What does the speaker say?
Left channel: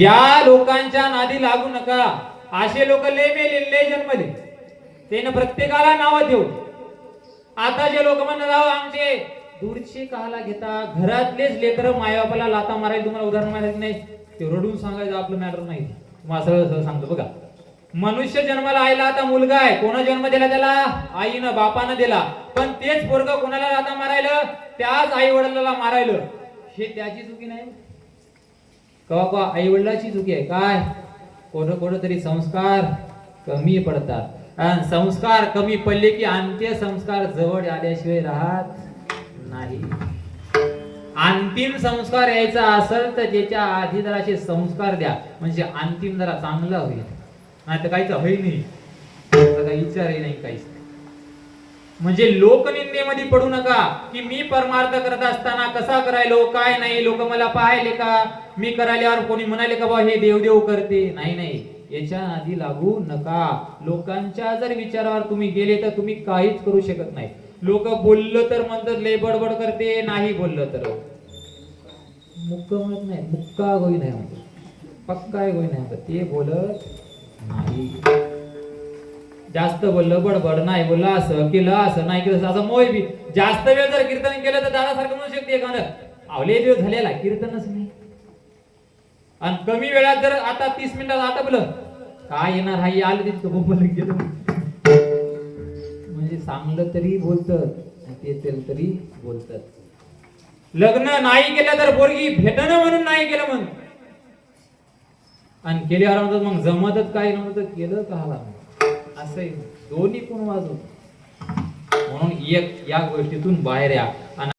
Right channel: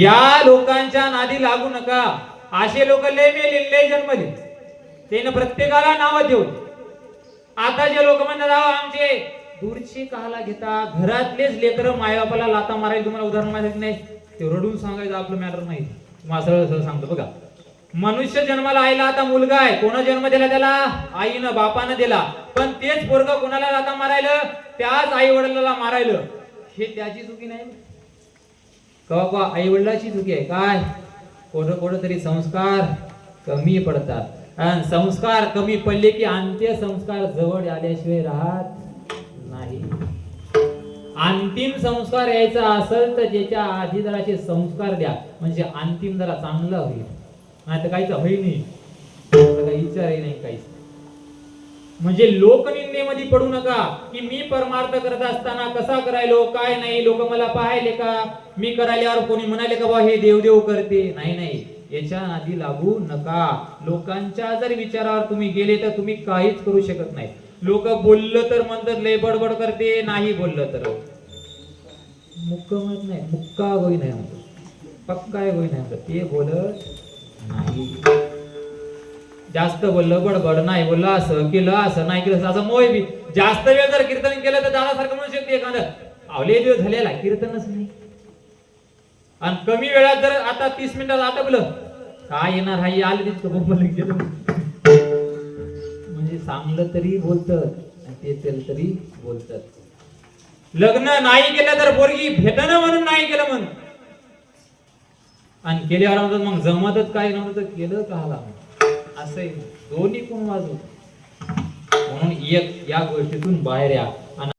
या लोकांच्या नादी लागू नका. असे लोक लय मेले लय जन्मले. त्यानं प्रत्येकाला नाव देऊ आता जे लोक म्हणतात आमचे दूरचे काला घेता घरातलेच लेकर मायबापाला लाता मारायला तुम्हाला उदाहरण माहिती नाही. ते रडून सांगायचं आपलं मॅटर नाही. तुम्हाला सांगतो बघा. मनुष्य जन्माला आईला आता मुलगा आहे. कोणा जन्म दिला त्याला? आईनं बापानं दिला. पण तेच पोरग कोणाला लाता मारायलं? त्याच आई वडिलाला मारायलं. हे त्याची चुकी नाही. तेव्हा आई वडिलाची चुकी आहे? काय? कोण कोणतरी संस्कार कमी पडतात. आणि संस्कार कमी पडले की अंत्य संस्कार जवळ आल्याशिवाय राहत नाही. अंतिम संस्कार यायचा असेल तर त्याच्या आधी जराचे संस्कार द्या. म्हणजे अंतिम जरा चांगला होईल. नाही तर काहीच होई नाही. विचारही नाही काहीच. नाही. म्हणजे लोकनिंदेमध्ये पडू नका की मी परमार्थ करत असताना कसा करायलो काय नाही लोक मला पाहायले का? मी करायल्यावर कोणी म्हणाले का बा हे देवदेव करते. नाही नाही. याच्या आधी लागू नका. लोकांच्या जर विचारावर तुम्ही गेले तर तुम्ही काहीच करू शकत नाही. लोक बोललं तर म्हणतात लय बडबड करते. नाही बोललं तर. मुक्का म्हणत नाही मुक्का होई नाही म्हणतो पक्का होई नाही म्हणतो ते बोलत नाही. जास्त बोललं बडबड नाही बोललं असं केलं असं नाही केलं असं मोय बी. जास्त वेळ जर कीर्तन केलं तर दादासारखं म्हणू शकते एखादं. आवले दिवस झालेला कीर्तनच नाही. आणि कमी वेळात जर आता तीस मिनिटात आटपलं काय येणार? हा आलं तिथं बोंबलं गेलं. म्हणजे चांगलं तरी बोलतात ते तेल तरी बोलतात. लग्न नाही केलं तर पोरगी भेटणं म्हणून नाही केलं म्हणून. आणि केल्यावर म्हणतात मग जमतच काय नव्हतं तर केलं का हाला असं दोन्ही पण वाजू म्हणून एक या गोष्टीतून बाहेर या. आणि